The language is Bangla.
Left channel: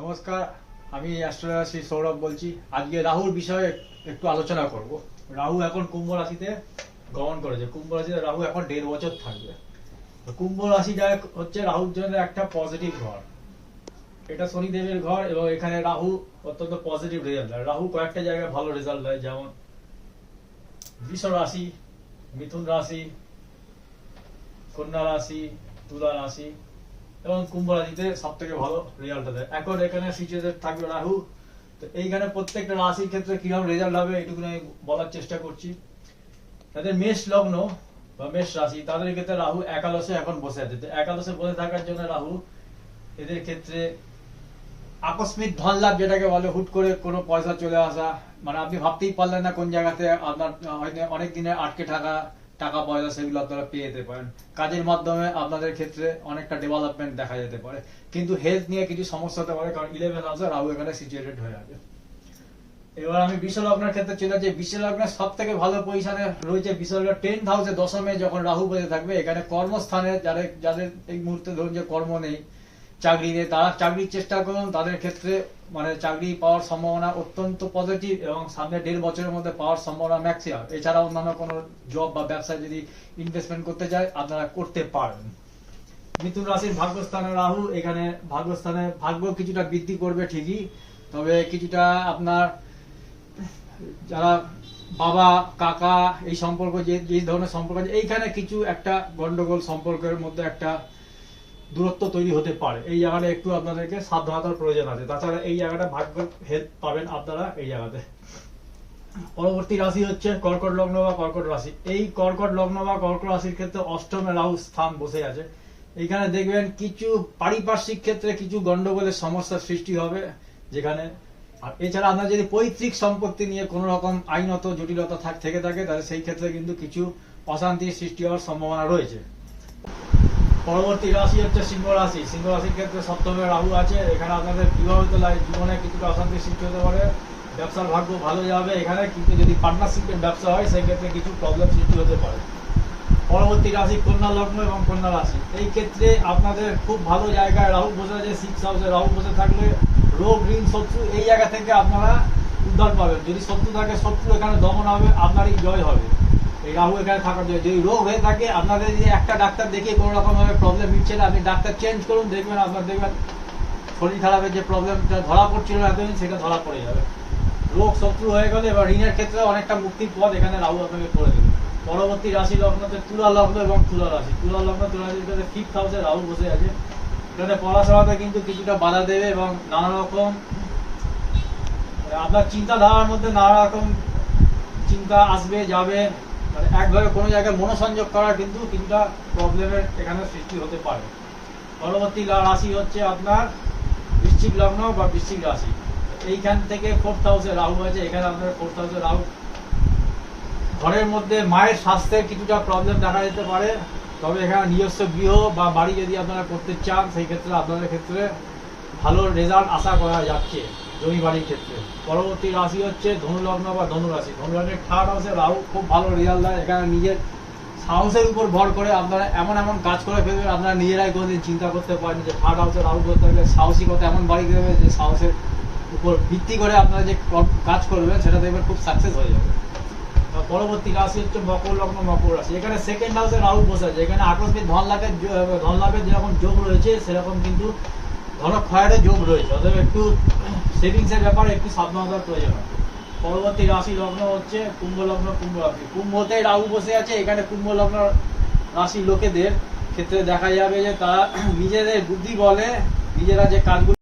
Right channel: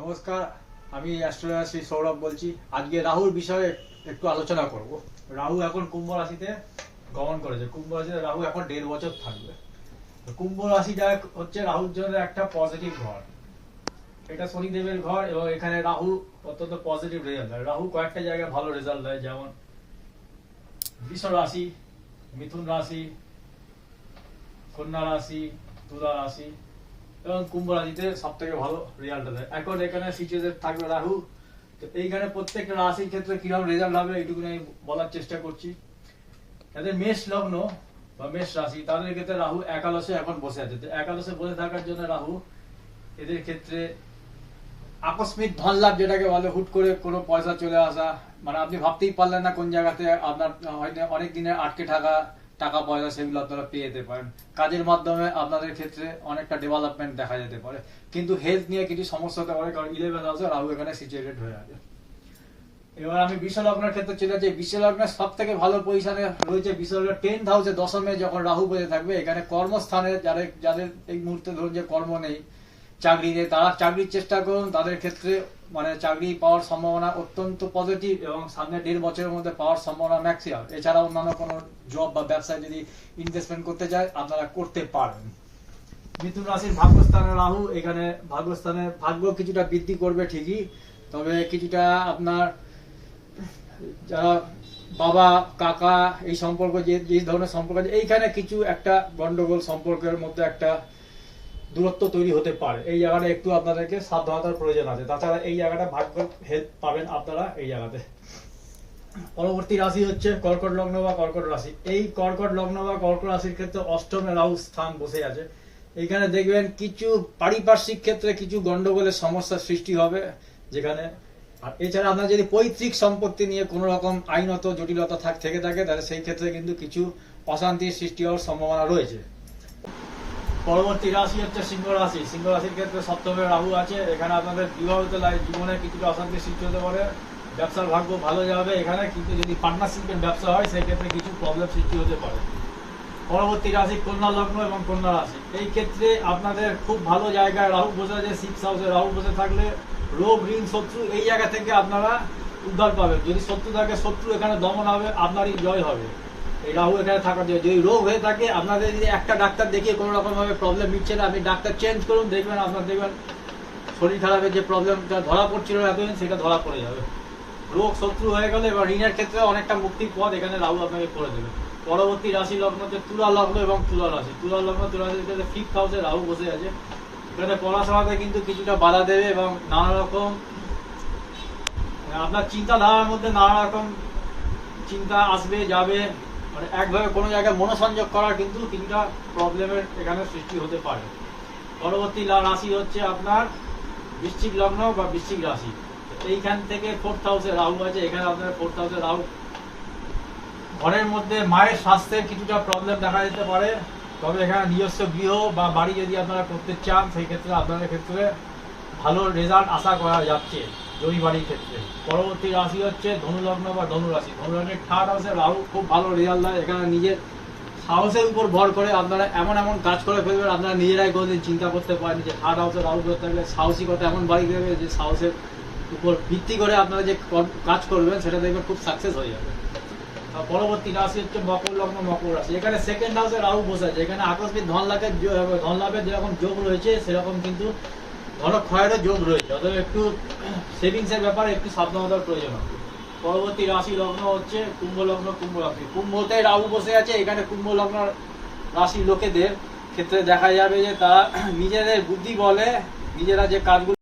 নমস্কার, আমি অ্যাস্ট্রোলজার শ্রী সৌরভ বলছি। আজকে রাহুর বিষয়ে একটু আলোচনা করব। রাহু এখন কুম্ভ রাশিতে গমন করেছে। কুম্ভ রাশিতে রাহু এখন 1.5 বছর থাকবে। তো কুম্ভ রাশিটা হচ্ছে রাহুর জন্য একটা পজিটিভ ঘর। এটা শনিদেবের ঘর এবং এখানে রাহু অত্যন্ত পজিটিভ রেজাল্ট দেয়। রাহু কয়েকটা জায়গায় ভালো রেজাল্ট দেয়, যেমন বৃষ রাশি, মিথুন রাশি, কন্যা রাশি, তুলা রাশি এবং কুম্ভ রাশিতে সব থেকে ভালো রেজাল্ট দেয়। এখন এখানে সিচুয়েশন থাকবে রাহু। তো এইখানে প্রত্যেকটা রাশির ক্ষেত্রে কিরকম রেজাল্ট হবে এইটুকু আমি বলার চেষ্টা করছি। যাদের মেষ লগ্ন বা মেষ রাশি তাদের ক্ষেত্রে রাহু একাদশে এখন বসে আছে। একাদশে বসে থাকার জন্য রাহু এদের ক্ষেত্রে আকস্মিক ধন লাভ, যেটাকে বলে হুট করে কোনো পয়সা চলে আসা, মানে আপনি ভাবতেই পারলেন না কোন জায়গাতে আপনার হয়তো অনেক দিনের আটকে থাকা টাকা পয়সা সেগুলো আপনারা পেয়ে যেতে পারেন। কাজের মাধ্যমে আপনাদের ক্ষেত্রে অনেকটা ডেভেলপমেন্ট দেখা যেতে পারে, কিন্তু হেলথ নিয়ে কিছু সমস্যা হতে পারে, কারণ 11 হাউসে রাহু এখানে সিচুয়েটেড হয়ে আছে। এবার আমি বৃষ লগ্নের ক্ষেত্রে চলে যাচ্ছি। বৃষ লগ্নের সব থেকে ভালো পজিশনে রয়েছে বৃষ লগ্নের 10th হাউসে দশমে যখন রাহু বসে থাকবে। এখানে কর্মস্থানে যাদের এই মুহূর্তে ধরুন যে কর্ম নেই, চাকরি নেই, তারা চাকরির চেষ্টা করুন। তাদের ক্ষেত্রে মানে চাকরি পাওয়ার সম্ভাবনা অত্যন্ত পজিটিভ এবং সামনে 1.5 বছরের মধ্যে পাওয়ার সম্ভাবনা ম্যাক্সিমাম। এছাড়া অন্যান্য কোনো জব বা ব্যবসায় যদি ইনভেস্টমেন্ট করতে চায় আপনারা করতে পারেন। মিথুন রাশির ভাগ্যস্থানে রাহু, এখানে ভাগ্যস্থানে ভাগ্য কিছুটা বৃদ্ধি করবে ঠিকই, তবে কিছুটা আপনার যারা বাবা কাকা এই সম্পর্ক যে ধরনের সম্পর্ক আছে, এইখানে কিছু একটা গন্ডগোল সম্পর্কের মধ্যে একটা দূরত্ব তৈরি হতে পারে। এই জায়গাটা একটু আপনাদেরকে সাবধানতার প্রয়োজন আছে। তাছাড়া এই জায়গাটা ভাগ্য হেল্প পাবেন আপনারা এই জায়গাতে। পরবর্তী রাশি হচ্ছে কর্কট লগ্ন বা কর্কট রাশি। এই কর্কট লগ্ন বা কর্কট রাশির ক্ষেত্রে অষ্টমে রাহু স্থান বসে আছে। এইখানে দেখবেন কিছু পারিপার্শ্বিক ক্ষেত্রে কিছু গন্ডগোলের সমস্যার সৃষ্টি হবে যেখানে। আর এছাড়া আপনার যদি পৈতৃক সম্পত্তি নিয়ে কোনো রকম আইনত জটিলতা থেকে থাকে তাহলে সেই ক্ষেত্রে কিন্তু কিছু অশান্তির সৃষ্টি হওয়ার সম্ভাবনা রয়েছে। পরবর্তী রাশি হচ্ছে সিংহ রাশি। সিংহ রাশির ক্ষেত্রে সপ্তমে রাহু আছে। এখানে আপনাদের বিবাহিত জীবনে কিছুটা অশান্তির সৃষ্টি হতে পারে। ব্যবসার ভাগ্য ভালো যাবে এখানে, কিন্তু যদি পার্টনারশিপের ব্যবসা হয় সেক্ষেত্রে কিছু প্রবলেম সৃষ্টি হতে পারে। পরবর্তী রাশি কন্যা লগ্ন এবং কন্যা রাশি। এই ক্ষেত্রে আপনাদের খুব ভালো জায়গায় রাহু বসে আছে। 6th হাউসে রাহু বসে থাকলে রোগ ঋণ শত্রু এই জায়গা থেকে আপনারা উদ্ধার পাবেন। যদি শত্রু থাকে শত্রু এখানে দমন হবে, আপনারই জয় হবে এই রাহু এখানে থাকার জন্য। যদি রোগ হয়ে থাকে আপনাদের যদি একটা ডাক্তার দেখিয়ে কোনো রকম ভাবে প্রবলেম মিটছে না, আপনি ডাক্তার চেঞ্জ করুন, দেখবেন আপনার দেখবেন শরীর খারাপের যে প্রবলেমটা ধরা পড়ছিল এতদিন সেটা ধরা পড়ে যাবে। রোগ শত্রু হয়ে গেলে এবার ঋণের ক্ষেত্রে অনেকটা মুক্তির পথ এখানে রাহু আপনাকে করে দেবে। পরবর্তী রাশি লগ্ন হচ্ছে তুলা লগ্ন এবং তুলা রাশি। তুলা লগ্ন তুলা রাশির ক্ষেত্রে 5th হাউসে রাহু বসে আছে। এখানে পড়াশোনাতে কিন্তু কিছুটা বাধা দেবে এবং নানা রকম আপনার চিন্তাধারার মধ্যে নানা রকম চিন্তা আসবে যাবে, মানে একভাবে কোনো জায়গায় মনোসংযোগ করার কিন্তু কিছুটা প্রবলেমের এখানে সৃষ্টি হতে পারে। পরবর্তী রাশি হচ্ছে আপনার বৃশ্চিক লগ্ন বা বৃশ্চিক রাশি। এইখান থেকে 4th হাউসে রাহু আছে। এখানে আপনার 4th হাউসে রাহু ঘরের মধ্যে মায়ের স্বাস্থ্যের কিছুটা প্রবলেম দেখা যেতে পারে। তবে এখানে নিজস্ব গৃহ বা বাড়ি যদি আপনারা করতে চান সেই ক্ষেত্রে আপনাদের ক্ষেত্রে ভালো রেজাল্ট আশা করা যাচ্ছে জমি বাড়ির ক্ষেত্রে। পরবর্তী রাশি হচ্ছে ধনু লগ্ন বা ধনু রাশি। ধনু লগ্নের 3rd হাউসে রাহু খুব ভালো রেজাল্ট দেয়। এখানে নিজের সাহসের উপর ভর করে আপনারা এমন এমন কাজ করে ফেলবেন আপনারা নিজেরাই কোনোদিন চিন্তা করতে পারেন। যে 3rd হাউসে রাহু করতে গেলে সাহসিকতা এমন বাড়ি দেবে যে সাহসের উপর ভিত্তি করে আপনারা যে কাজ করবেন সেটা দেখবেন খুব সাকসেস হয়ে যাবে। পরবর্তী রাশি হচ্ছে মকর লগ্ন মকর রাশি। এখানে 2nd হাউসে রাহু বসে আছে। এখানে আকস্মিক ধন লাভের যেরকম যোগ রয়েছে সেরকম কিন্তু ধনক্ষয়েরও যোগ রয়েছে। অতএব একটু সেভিংস এর ব্যাপারে একটু সাবধানতার প্রয়োজন হবে। পরবর্তী রাশি লগ্ন হচ্ছে কুম্ভ লগ্ন কুম্ভ রাশি। কুম্ভতে রাহু বসে আছে। এখানে কুম্ভ লগ্ন রাশি লোকেদের ক্ষেত্রে দেখা যাবে যে তারা নিজেদের বুদ্ধি বলে নিজেরা যে কাজগুলো